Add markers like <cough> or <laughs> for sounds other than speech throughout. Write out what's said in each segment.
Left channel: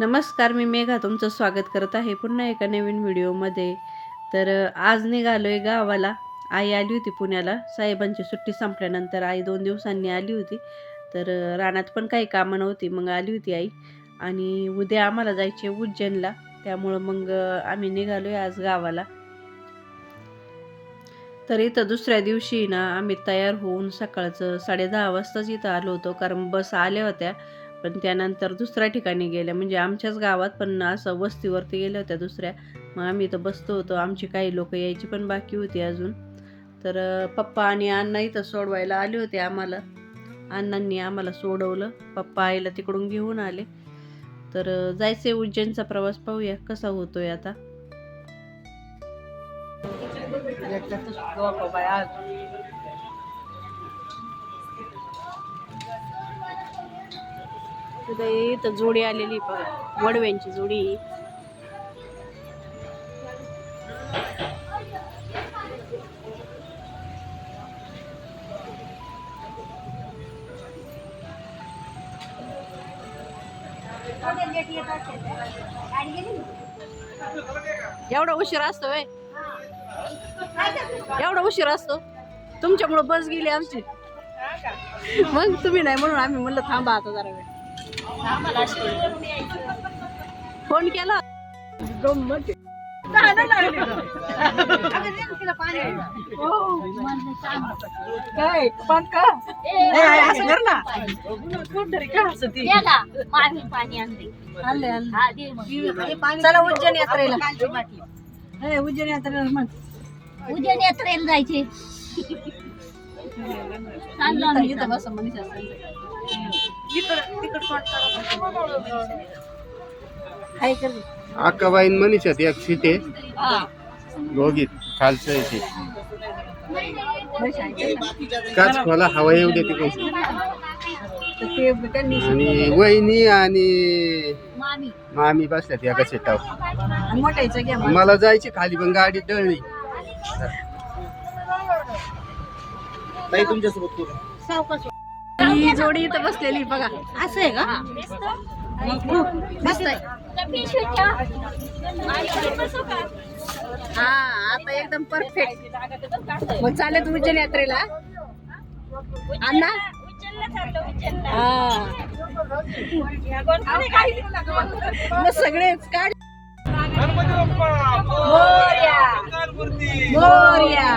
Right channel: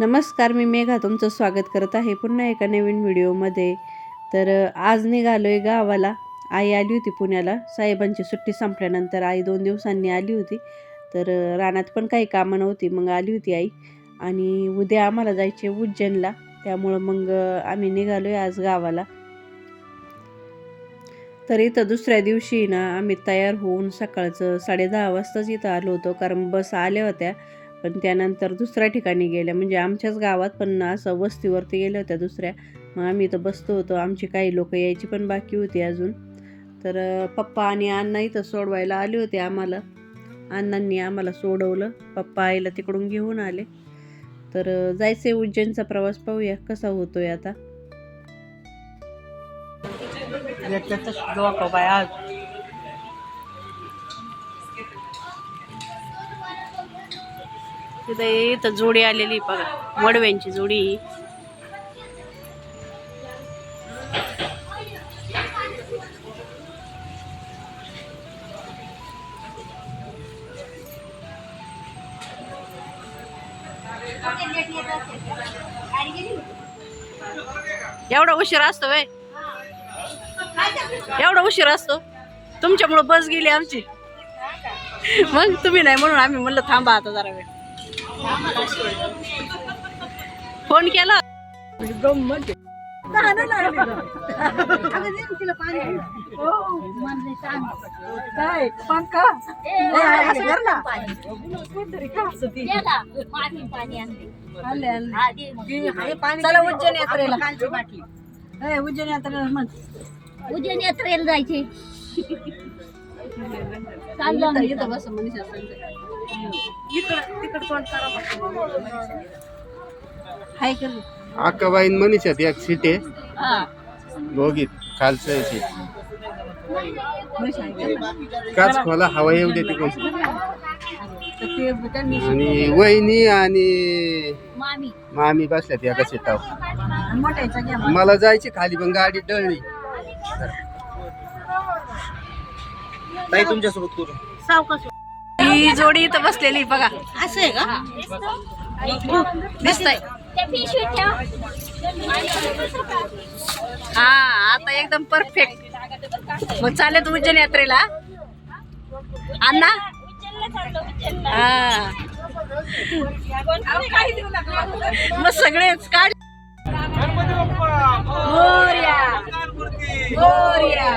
नमस्कार मी मेघा तुमचं स्वागत करत आहे पुन्हा एका नवीन व्हिडिओमध्ये. तर आज निघालो आहे गावाला. आई आली होती पुण्याला. साहेबांची सुट्टी संपल्यानंतर आई दोन दिवसांनी आली होती. तर रानात पण काही कामं नव्हती. मग आली होती आई. आणि उद्या आम्हाला जायचे उज्जैनला. त्यामुळं मग आम्ही निघालो आहे आज गावाला. तर इथं दुसऱ्या दिवशी ना आम्ही तयार होऊन सकाळचं साडे दहा वाजताच इथं आलो होतो. कारण बस आल्या होत्या. पण त्यानंतर दुसऱ्या ठिकाणी गेल्या. म्हणजे आमच्याच गावात पण असं वस्तीवरती गेल्या होत्या दुसऱ्या. मग आम्ही इथं बसतो होतो. आमची काही लोकं यायची पण बाकी होती अजून. तर पप्पा आणि अण्णा इथं सोडवायला आले होते आम्हाला. अण्णांनी आम्हाला सोडवलं. पप्पा आईला तिकडून घेऊन आले. तर जायचे उज्जैनचा प्रवास पाहूया. कसा होतोय आता? तिथं इथं जोडी आलेली बघा. वडव्यांची जोडी एवढा उशीर असतो वय एवढा उशीर असतो? तुमच्यामुळं बस गेली आमची. मग तुम्ही नाही म्हणून आम्ही म्हणलं थांबा आता जरा वेळ. फोन केला? काय? पंख? आणले आणले. चला उज्जैन यात्रेला. ए, उज्जैन यात्रेला मग उद्या यात्रेला जायचे. <laughs> सांगते. इकडं तिकड कोण हाय कर अक्काबाईन मनीषात एक सीट आहे. दोघीत खालचं आहे सीट. काच खोला हवा येऊ दे तिकडून. आणि वहिनी आणि मामी. मामी बसल्यात एका सीटावर. मला जायची खाली पण गाडी टळली ताई तुमच्यासोबत करू सावकाश ही जोडी इथं बसलेली बघा. असं आहे का? दिसतंय? हा आता एकदम परफेक्ट मग चालेल उज्जैन यात्रेला? अण्णा. हा. मग सगळेच काढ. मोरया. मोरया.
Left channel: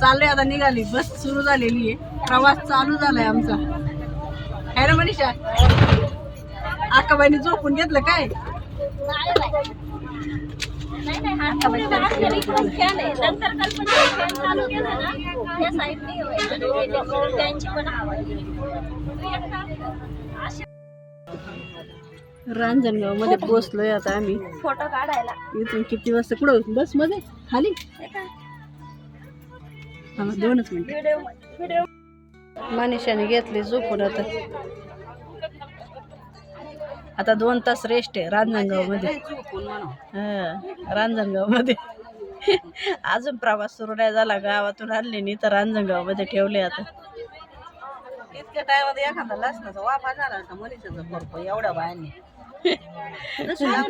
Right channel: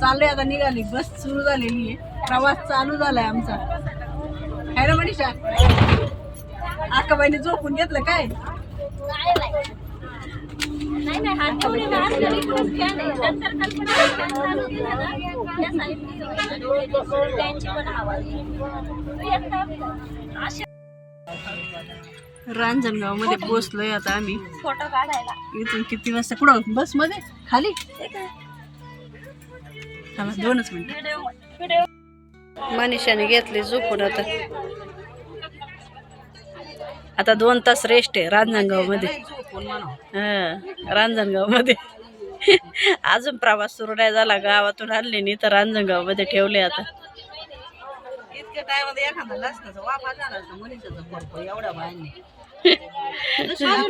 चाललोय आता निघाली. बस सुरू झालेली आहे. प्रवास चालू झालाय आमचा. आहे ना मनीषा? अक्काबाईने झोपून घेतलं काय? रांजणगावमध्ये पोहोचलोय आता आम्ही. फोटो काढायला. इथून किती वाजता? कुठं? बसमध्ये खाली दोनच मिनिट. व्हिडिओ व्हिडिओ मनीषाने घेतले झोपून आता. आता दोन तास रेस्ट आहे रांजणगावमध्ये हा रांजणगावमध्ये अजून प्रवास सुरू नाही झाला गावातून आणले नाही तर रांजणगावमध्ये ठेवले आता. इतक्या टायमध्ये एखादा लसणाचा वाफा झाला असता मनीषाचा करतो एवढ्या बायांनी. <laughs>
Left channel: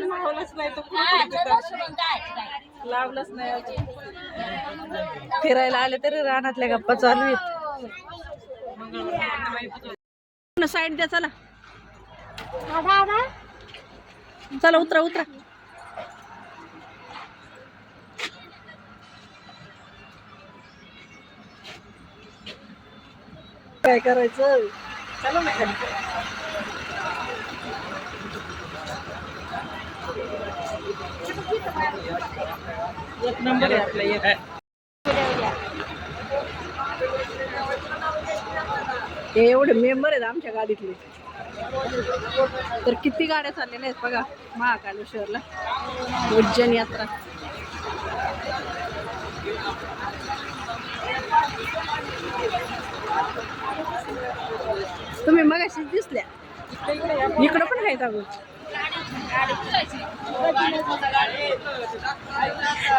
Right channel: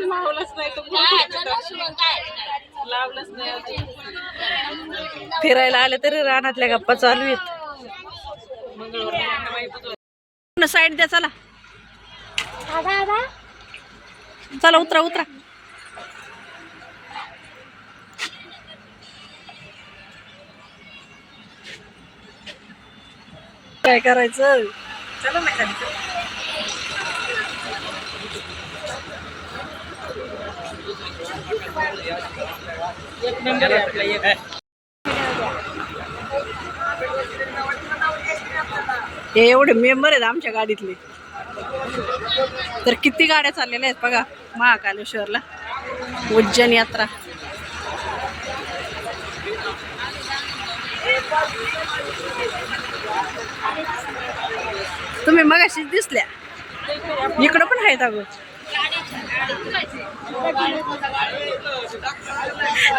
मावलंच नाही तो काय चला सुमन, काय? लावलंच नाही अजून. फिरायला आले तरी रानातल्या गप्पा चालू आहेत. साईड द्या चला. चला उतरा उतरा. काय करायचं? चला मी खाली. हे एवढे मेंबर आहेत आमच्या गाडीतले. तर किती गाड्या चाललेल्या आहेत बघा महाकालेश्वरला. उज्जैन यात्रा. तुम्ही मगाशीच दिसल्या. इकडं पण आहेत अगो.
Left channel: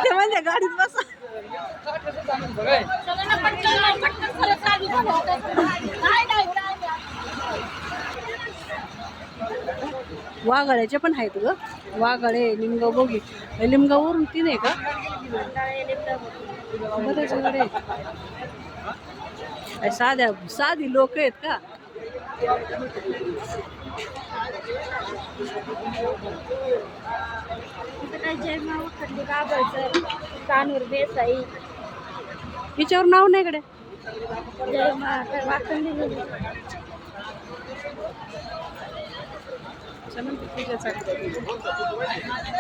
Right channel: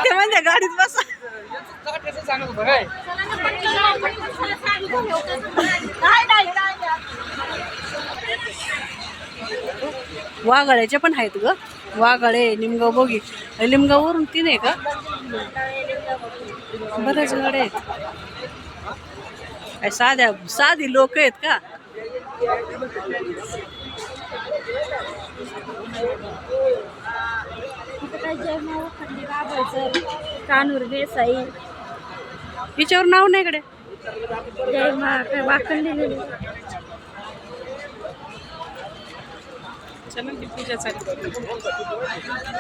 ते म्हणजे गाडीत बसा. वाघाळ्याचे पण आहेत ग. वाघाळे निमगाव बोगी. लिमगाववरून तीन आहे का? बरेच गाड्या आहेत. साध्या साधी लोक आहेत का? इथं काय जय मावा खंडे बाबाचं कानूर देसाई. हिच्यावर नाव नाही कडे जय मा काय वाकण लिहिलेली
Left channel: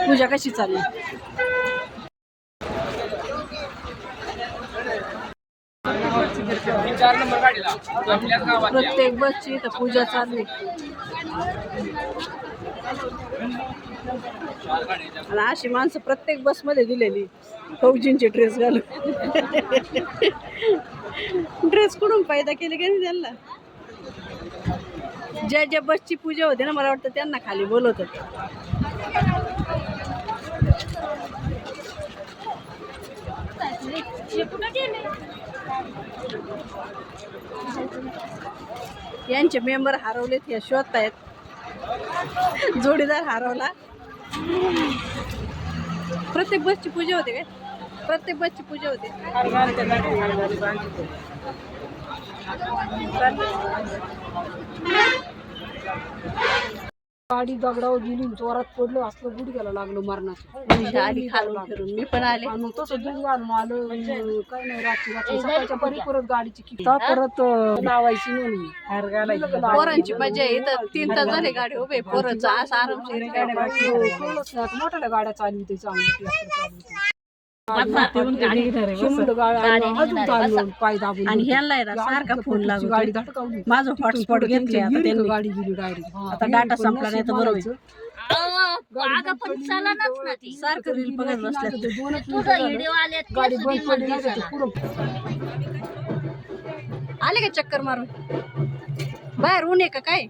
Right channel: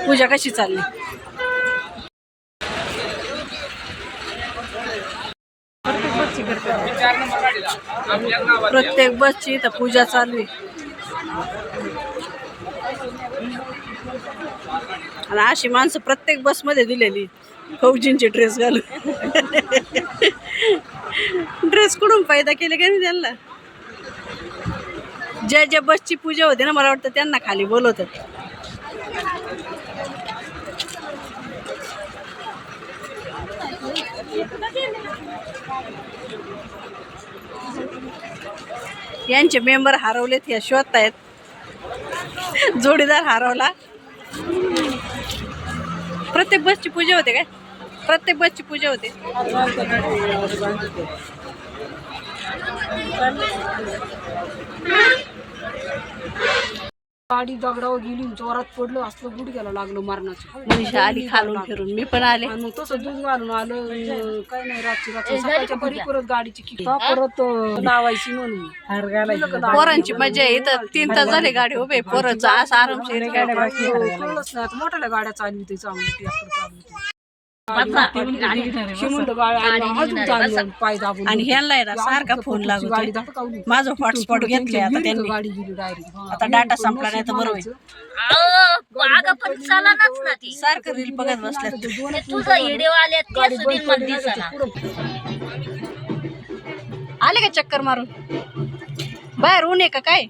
पूजा कशी चालली? प्रत्येक बसची इथं पूजा चालू आहे आणि अशी माणसं प्रत्येक बसमध्ये दिलेली फौजींचे ड्रेस घालून. ड्रेस कुठून फायदा केले का नाही त्यांना? ज्या ज्या बसची पूजा होते ना मला वाटतं त्यांना खाली बोलवतात. यांचे मेंबर हरवलेत या शोधतायत. जोडीदार हरवला. प्रत्येक बसची पूजा होते काय? प्रत्येक बसची पूजा होते. गाडी दगडावर गेली जोरात पडलं असलं गुडघ्याला लागलं मरणाचं. मनीषा आली खालून फिरून. मी पण आले. आणि मग तसं दूध घालून आलं काय नाही रातची रात्र सकाळच्या परी परत गाडीची किट परत लावायची म्हणून. गेलं? पोरांची मजा आहे इथं तीन तास झाले गाडी उभे. पोरांचं असं आरामशीर कळलंच नाही मोठ्या गाड्या चालली होती चांगली चालली होती. आणि ना सारखा फोन लागतो माझं हॉटस्पॉट घेतले आता त्यांनी. आता डाटा संपला नाही तर बरोबर अगं पण चलानच ना ती. सारखं रील बघत बसल्यात ते तुझं व्हिडिओ आले का चक्कर मारून? बाहेर ऊन आहे का काय?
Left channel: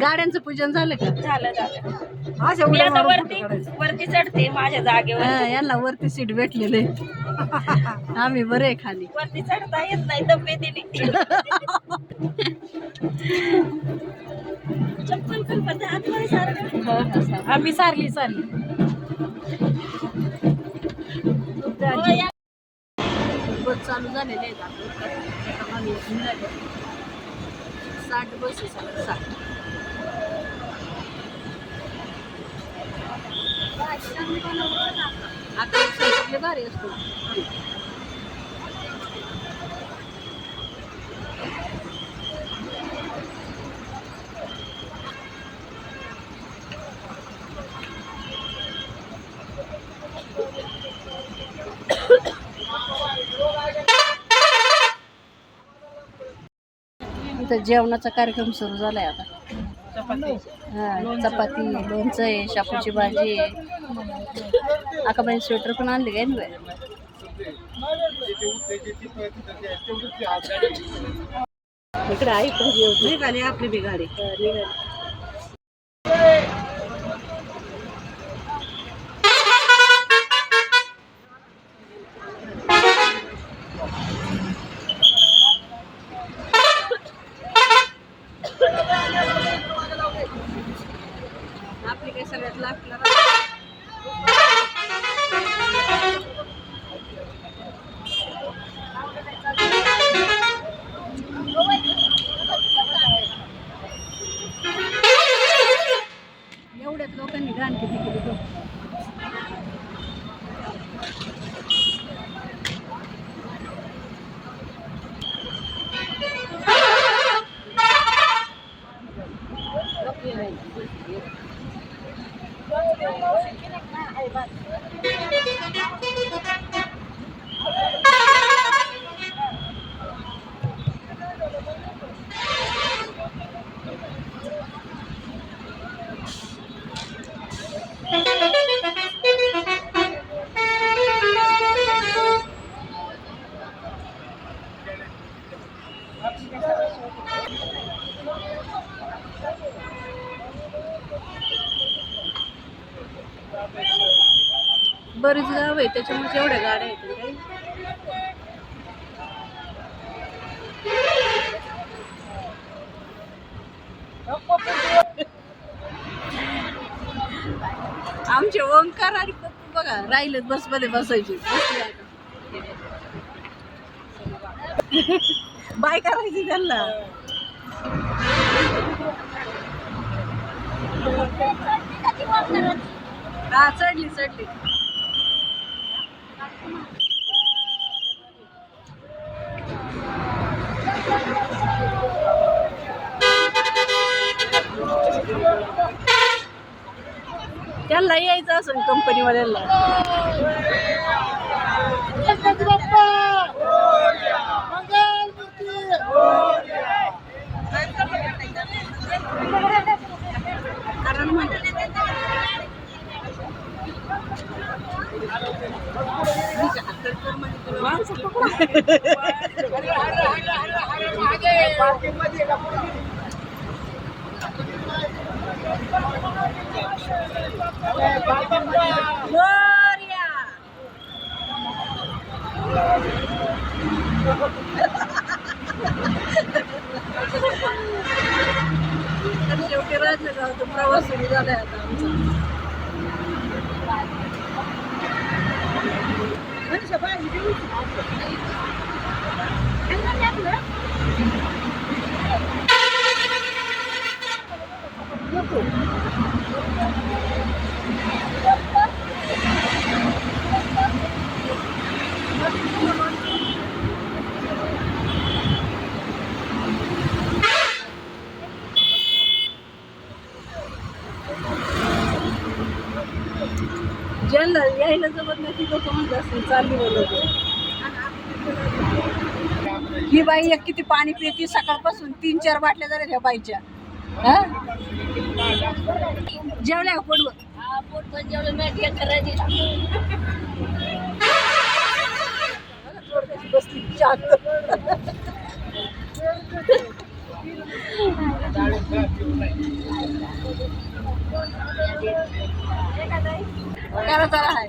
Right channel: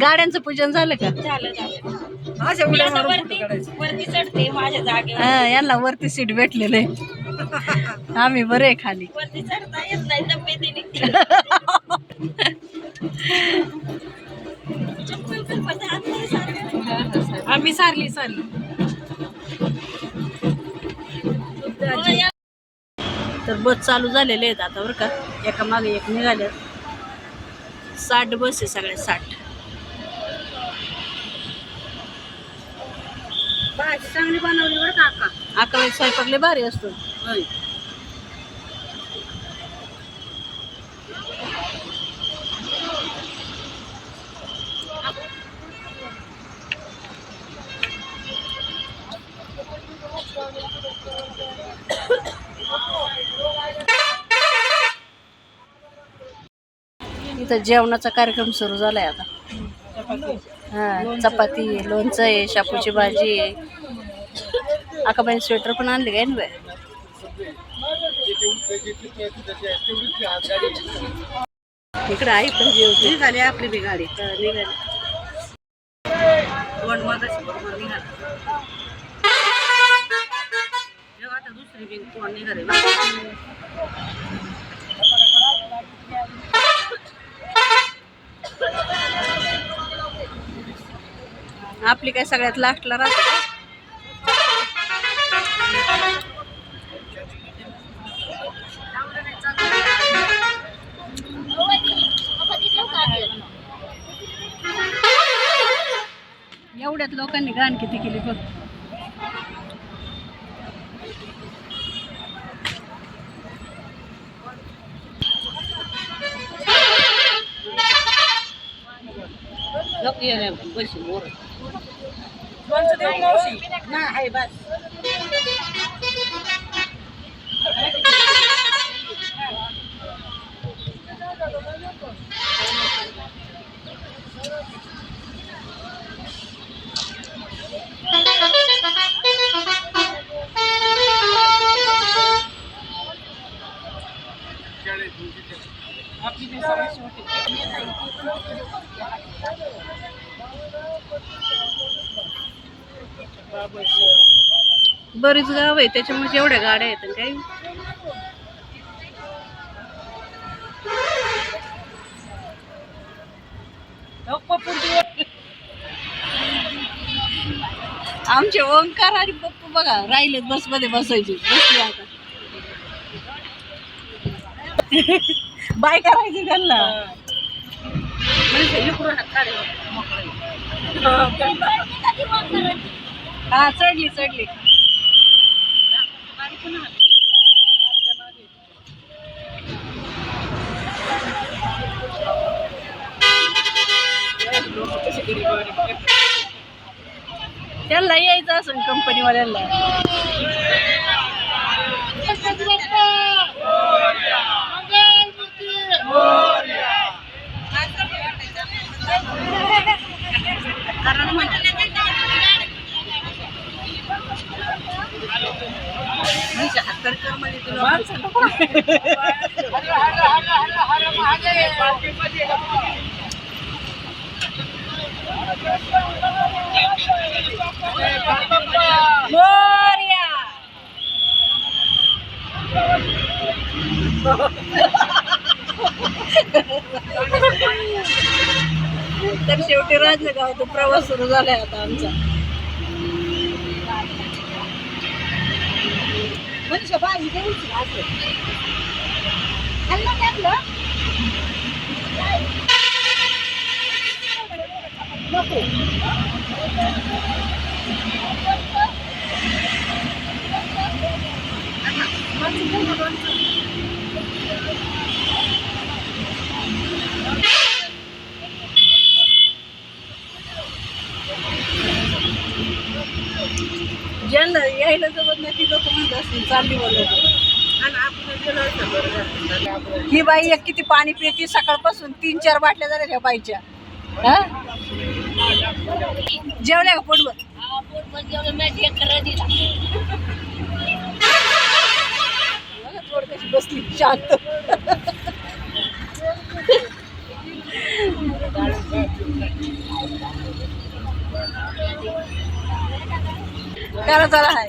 गाड्यांचं पूजन झालं का? झालं झालं. मी आता वरती वरती चढते माझ्या जागेवर हा यांना वरती सीट भेटलेलं. आहे आम्ही बरे आहे खाली. वरती चढता येत नाही चप्पल पण सारखं. आम्ही सारली सारली. हो, या. तर बस चालू झालेले आहेत आता बरं का. एका मागे एक निघाले. साठ बस आहे सगळ्या साठ. चांगली बनवली बरं का अक्का? अकरा वाजता स्वयंपाक लय भारी असतो. इथं जेवणाचा कार्यक्रम सुरू झालाय आता. हा चपाती लोणचं आहे शापूची भाजी आहे. आकाबाई स्वेटर पण आणले काय ना? इकडे आई पण जेवते. निघाली आपली बी गाडी. हा, निघाली पण मगाशी बरोबर निघाला. जेव्हा आता दुसरी बी कोण निघाली. आपली काय सगळ्यात लास्टला राहते एवढ्यात लोकांनी गाण किती केली बघ. नको ये रे, पैसे वर. नाही, बरीच गाव आहे त्याच्यामुळे एवढ्या गाड्या आहेत आणि काही. आमचे ओंकार आणि पप्पू बघा राहिलेत बसमध्ये बसायचे आता. बाय करायची त्यांना. हा चढली चढली. त्याला यायचं असं कंपनीवाल्याला तर शेवटी राजगाव प्रवास सुरू झालाय आता आमचा. मनीषा, भाजी द्यायची ना असं. खाल्लं नाही आपलं? नको. ती चालली बोलत ही बाई एक किती पाणी पिती सकाळपासून तीन चार बाटल्या झाल्या त्या बाईच्या. जेवल्या का पोटभर? पोटभर जेवलं मी एक करा दिला. बसली शांत करा चला हाय.